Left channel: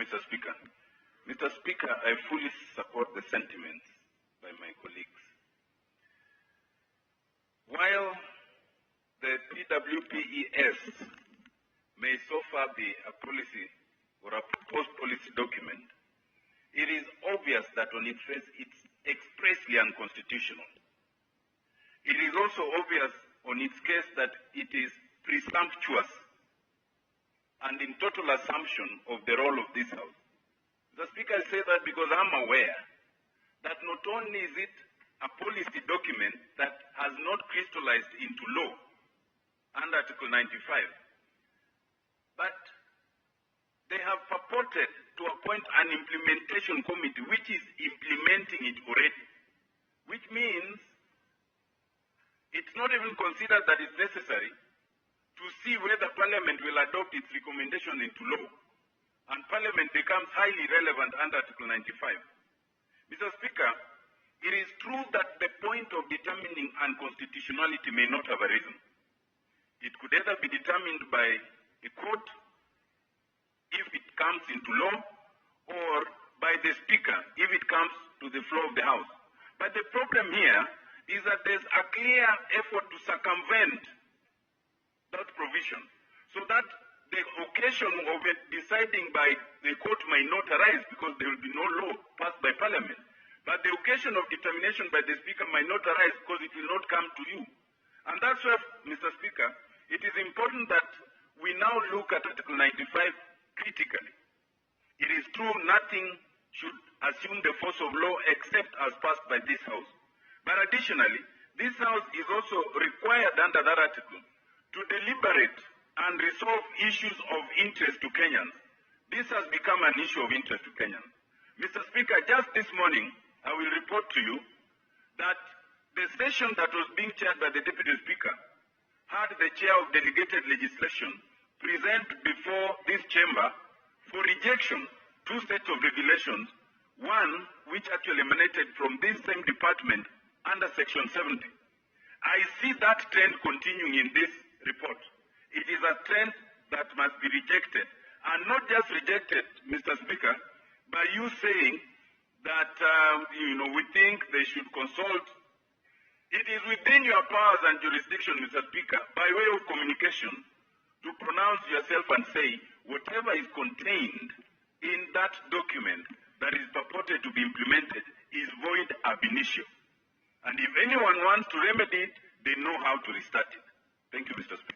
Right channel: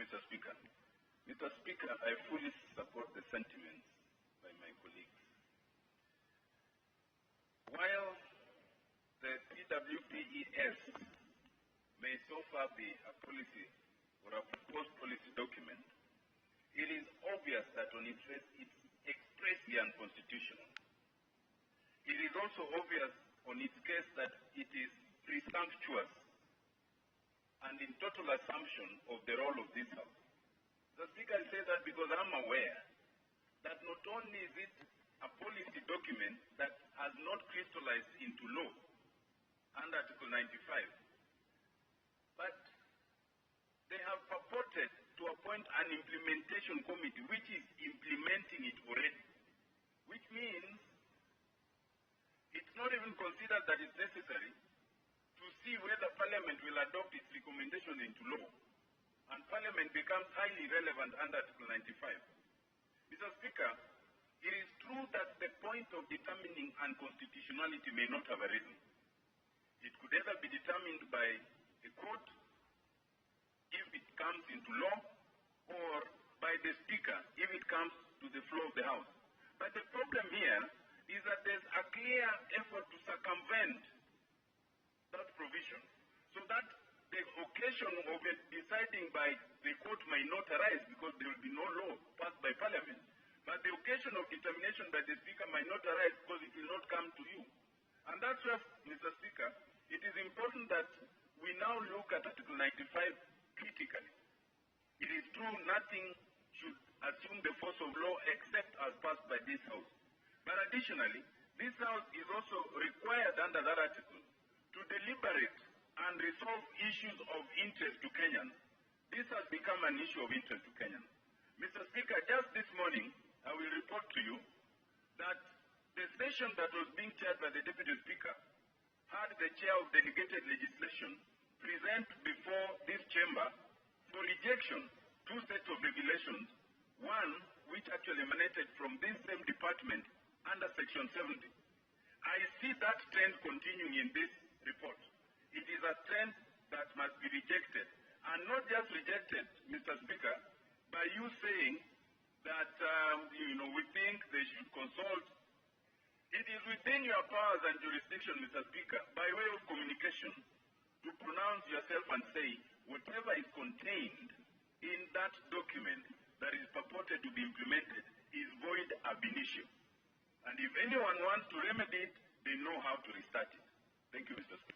Mr. Speaker. Mr. Speaker, I fully support the sentiments by my colleagues. While the PWPES may so far be a policy or a proposed policy document, it is obvious that on its face it's expressly unconstitutional. It is also obvious on its case that it is presumptuous and in total assumption of the role of this House. The Speaker, I say that because I'm aware that not only is it a policy document that has not crystallized into law under Article 95, but they have purported to appoint an implementation committee which is implementing it already, which means it's not even considered that it's necessary to see whether Parliament will adopt its recommendation into law, and Parliament becomes highly relevant under Article 95. Mr. Speaker, it is true that the point of determining unconstitutionality may not have arisen. It could either be determined by a court if it comes into law, or by the Speaker if it comes to the floor of the House. But the problem here is that there's a clear effort to circumvent that provision, so that the occasion of it deciding by the court may not arise because there will be no law passed by Parliament. But the occasion of determination by the Speaker might not arise because it will not come to you. And that's why, Mr. Speaker, it is important that we now look at Article 95 critically. It is true nothing should assume the force of law except as passed by this House. But additionally, this House is also required under that article to deliberate and resolve issues of interest to Kenyans. This has become an issue of interest to Kenyans. Mr. Speaker, just this morning, I will report to you that the session that was being chaired by the Deputy Speaker had the chair of delegated legislation present before this chamber for rejection two sets of regulations, one which actually emanated from this same department under Section 70. I see that trend continuing in this report. It is a trend that must be rejected, and not just rejected, Mr. Speaker, by you saying that we think they should consult. It is within your powers and jurisdiction, Mr. Speaker, by way of communication, to pronounce yourself and say whatever is contained in that document that is purported to be implemented is void ab initio. And if anyone wants to remedy it, they know how to restart it. Thank you, Mr. Speaker.